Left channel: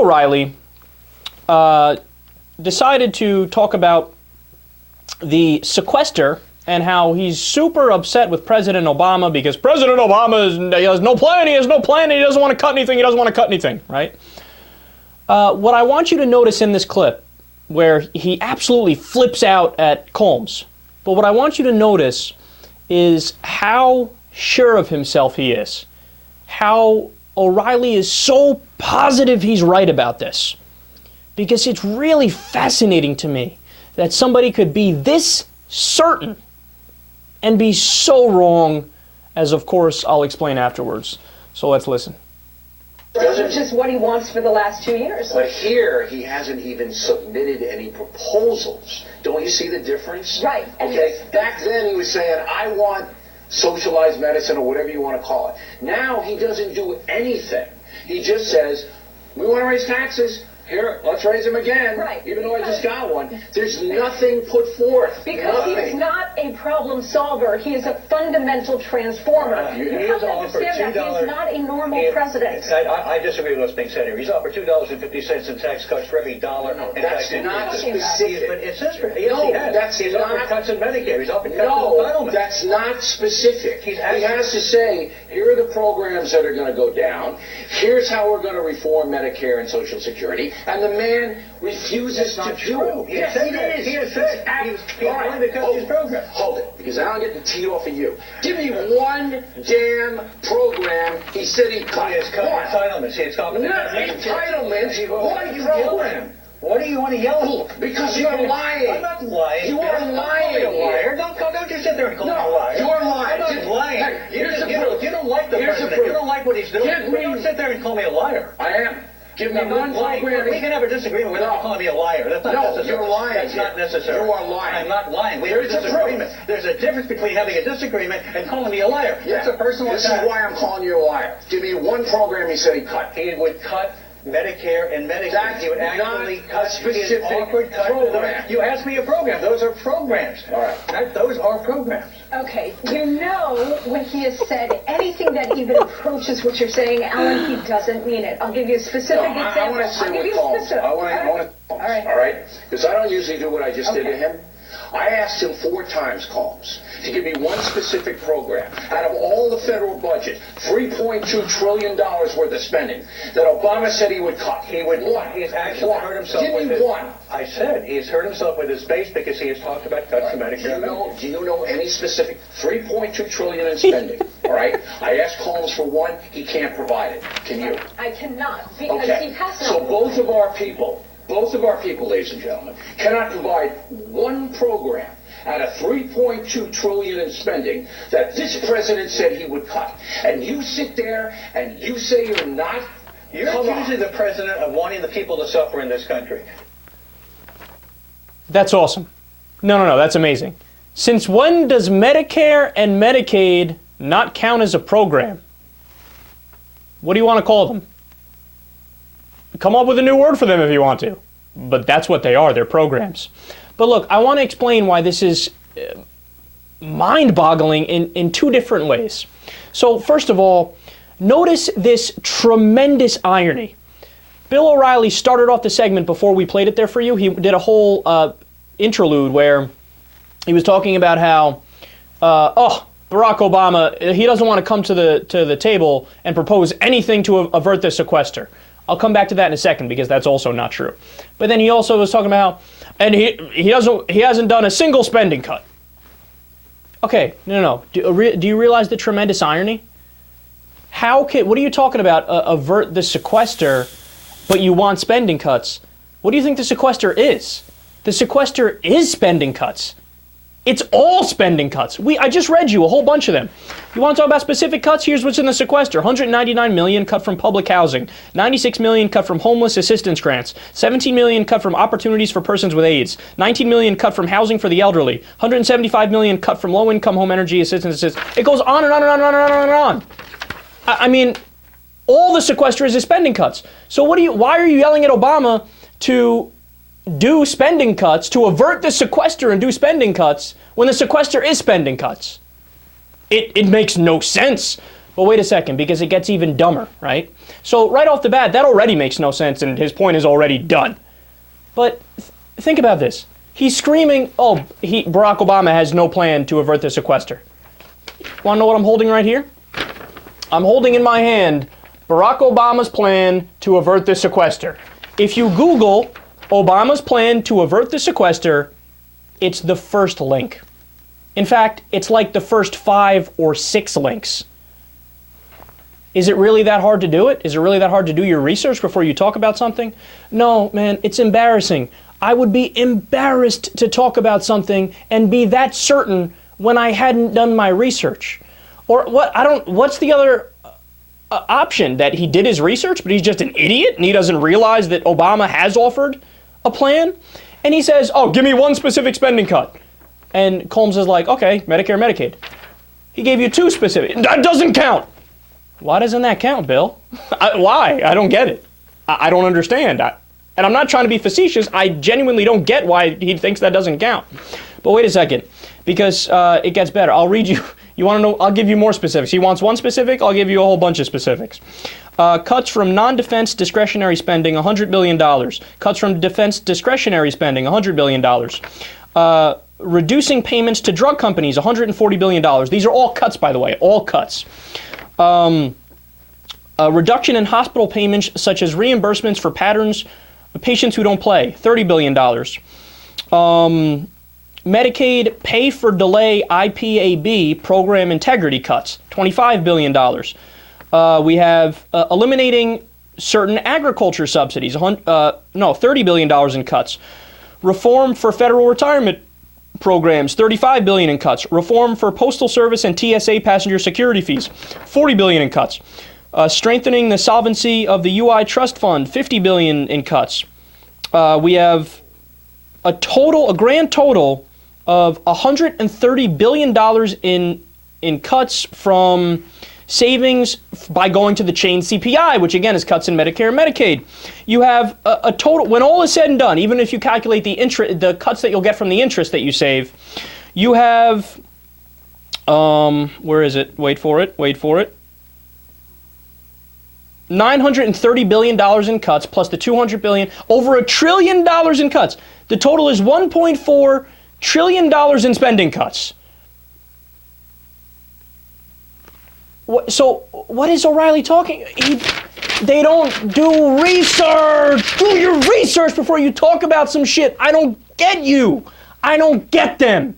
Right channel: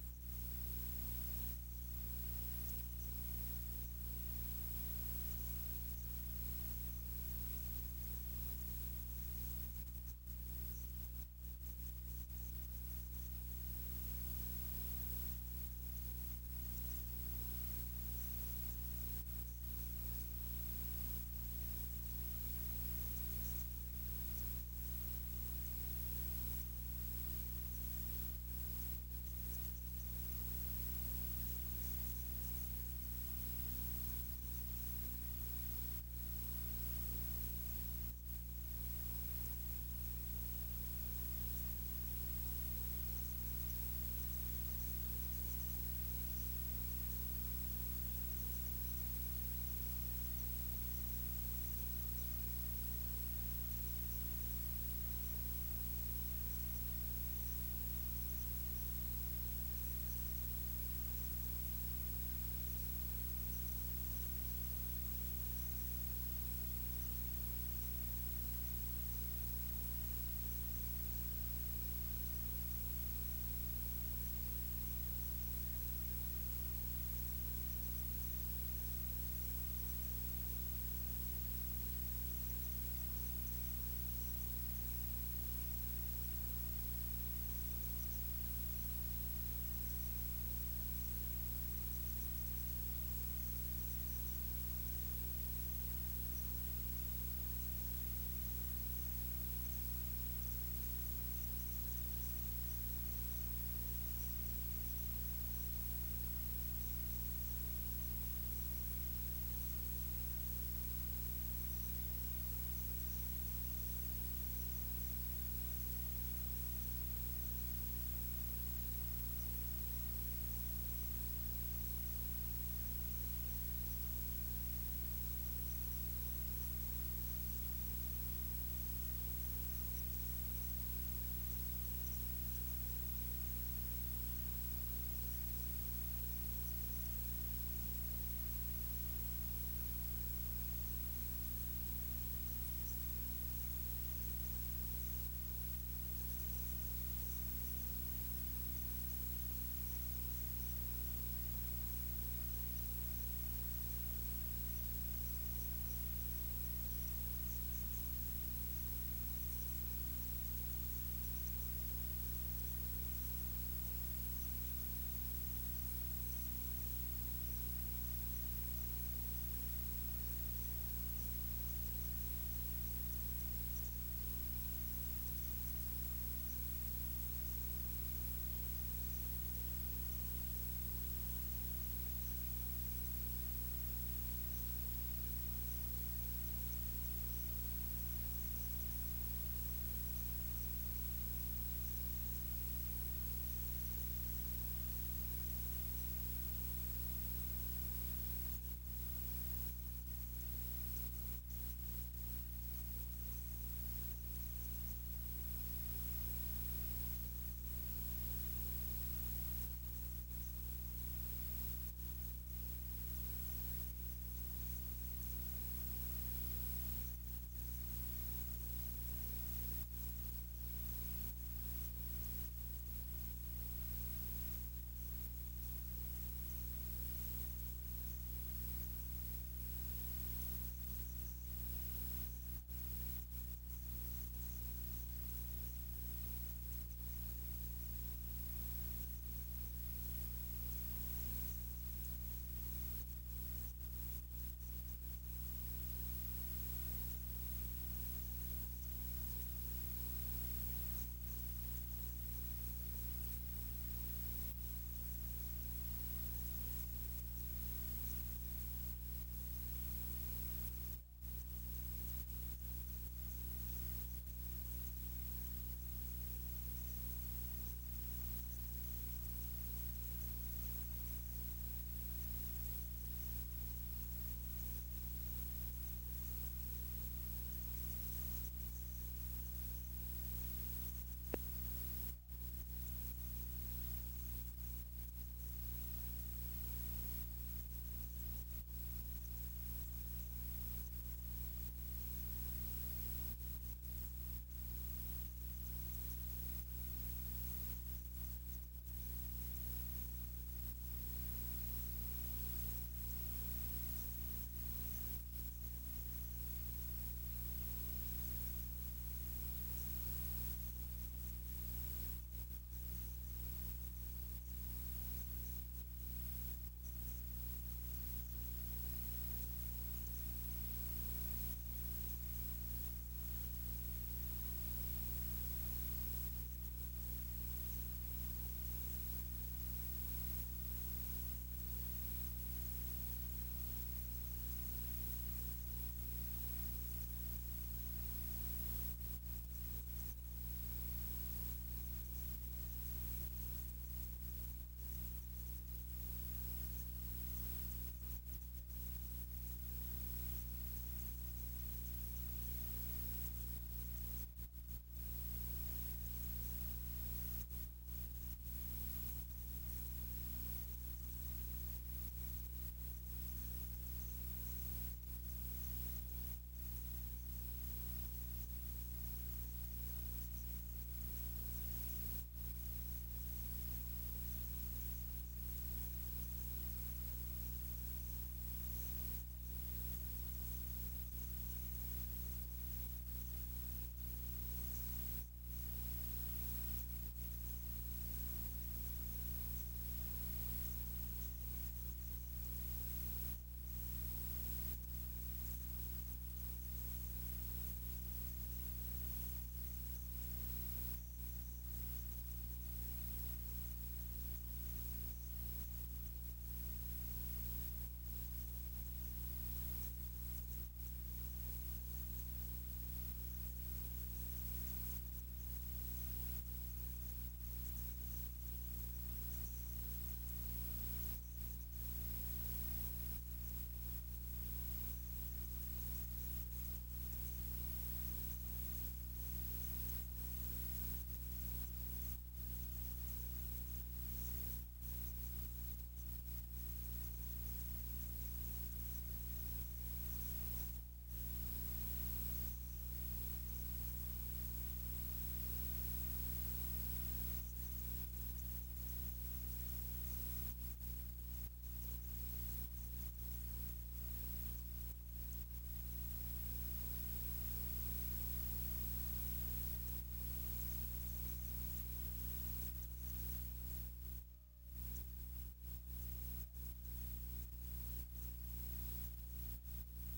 O'Reilly decided to talk about the sequester and how he's super upset with President Obama because President Obama has no plan, he doesn't want to cut anything, right? What I want you to notice in this clip, where he absolutely flips out at Colmes, but what I want you to notice is how sure of himself he is, how O'Reilly is so positive he's right about this, because it's really fascinating to me that somebody could be this certain and be so wrong, as of course I'll explain afterwards. So let's listen. Which is what he wants for the last 2 years. But here, he hasn't even submitted any proposals. Don't you see the difference? Right. Okay, back then he was saying, I want socialized medicine or whatever you want to call it. Now he doesn't do anything. He just says, we want to raise taxes. Here, let's raise them again, right. Even though I just got one. There's nothing put forth. Because he is not a problem solver. He is a fundamental transformer. He have is to offered understand that he is not a normal president. I disagree with what's being said here. He's offered $2.50 in tax cuts for every dollar. No, that's not specific. But it says for no, that's he's not. offered cuts in Medicare. He's offered cuts in No, entitlement. that's not specific. He has to say, here are the programs that are going to go down. Here's how we're going to reform Medicare and Social Security. And the man refuses to do it. Yes, it is. He has said he's going to cut his program. Hold it, because I don't get the tea off of you. Give me one damn program he said he'd cut. He has cut entitlements. He has cut entitlements. One program. What do you want to yell at? Because you're lying. I'm not lying. You are lying. Don't call me a liar. Don't just sit there and call me a liar. You're lying. I'm not lying. Hey, You don't like the president. You don't like what he's doing. Don't sit there and call me a liar. I am. Give me one program. We can have a disagreement without calling me a liar. That's not necessary. You're lying. That's not necessary. You are lying. I'm not lying. We have a disagreement. There's a difference between having a disagreement and calling me a liar. Yeah. That's a personal attack. This is why I'm calling you a liar. Give me one program he said he'd cut. He would cut Medicare and Medicaid. He would actually cut specific program. You asked me a program. Those are programs. All right. Those are programs. Okay, you know when he has said anything that even approaches what you're saying, Alan, he doesn't mean it. I'll give you a specific example. I want to say what Colmes. I want to. All right. Because I don't usually do what I just did to him. I asked him 4 times, Colmes, to give me one specific program out of all the federal budget, $3.2 trillion worth of spending, that Obama said he would cut. He would. He's actually hurt himself. Give me one. I said he's hurt himself with his base because he has talked about cuts to Medicare. Do you know any specific $3.2 trillion in spending? All right. I asked Colmes for one. He can't provide it. Can you? I cannot because he has not. So both of our people, ladies and gentlemen, cannot provide one program out of $3.2 trillion in spending that this president said he would cut. And you sit there and you say you're not. You're accusing the president of wanting the people to suffer in this country. That's awesome. No, that's amazing. Since when does Medicare and Medicaid not count as a program? What do you want to call them? Come up with a new word for them if you want to. But that's what they are. They're programs. But look, I want to explain why this is mind-boggling in 2 different ways. So first of all, notice this tremendous irony. Bill O'Reilly started off the segment before we played it there for you. He did a whole interlude where he was talking about how, Barack Obama, he doesn't want to come to the table and propose anything to avert the sequester. I'll come back to that in a second because that's also not true. But then he also was talking about how, and he hasn't done a single spending cut. Okay, no. Do you realize the tremendous irony? What are you talking about? Avert the sequester, but you want spending cuts? What do you think the sequester is? The sequester is spending cuts. It's all spending cuts. I just read you a whole bunch of them. You want to talk about specific cuts? Here's what's in the sequester. $199 million cut from public housing. $96 million cut from homeless assistance grants. $17 million cut from opportunities for persons with AIDS. $19 million cut from housing for the elderly. $175 million cut from low-income home energy assistance. It goes on and on and on and on and on and on. I mean, all the sequester is spending cuts. So why are you yelling at Obama to do spending cuts, to avert the sequester and do spending cuts, when the sequester is spending cuts? It makes no sense. But wait a second, because it gets even dumber, right? So right off the bat, that already makes no sense, and his point is already done. But think about this. He's screaming, Barack Obama has no plan to avert the sequester. Want to know what I'm holding right here? I'm holding in my hand Barack Obama's plan to avert the sequester. If you Google Obama's plan to avert the sequester, it's the first link. In fact, it's like the first 5 or 6 links. Is it really that hard to do it? Is it really that hard to do your research before you talk about something? No, man, it's embarrassing. I would be embarrassed to talk about something and be that certain when I hadn't done my research. Or what's the other option? That he did his research, but he's just an idiot and he doesn't realize that Obama has offered a plan? And he says, give me one specific spending cut. And Colmes is like, okay, Medicare, Medicaid. He gave you 2 specific. That doesn't count. Why doesn't that count, Bill? Why? I don't get it. I don't understand. And I'm not trying to be facetious. I genuinely don't get why he thinks that doesn't count. But wait a second, because it gets better. I'll read you. You want to know? I'll give you more specifics. He wants one specific. I'll give you a whole bunch of specifics. Cuts from non-defense discretionary spending, $100 billion. Cuts from defense discretionary spending, $100 billion. Reducing payments to drug companies, $140 billion. These are all cuts, by the way, all cuts. A reduction in hospital payments, such as reimbursements for patients who don't play, $30 billion. Medicaid pay for delay IPAB program integrity cuts, $25 billion. We have eliminating certain agriculture subsidies, $30 billion in cuts. Reform for federal retirement programs, $35 billion in cuts. Reform for Postal Service and TSA passenger security fees, $40 billion in cuts. Strengthening the solvency of the UI Trust Fund, $50 billion in cuts. We have a grand total of $130 billion in cuts from savings by going to the chain CPI, which again is cuts in Medicare and Medicaid. You have a total, when all is said and done, even if you calculate the cuts that you'll get from the interest that you save, you have, where is it? Wait for it. $930 billion in cuts plus the $200 billion, over $1 trillion in cuts. The total is $1.4 trillion in spending cuts. So what is O'Reilly talking? They don't do research. Do your research before you talk about some shit. I don't get you. I don't get them.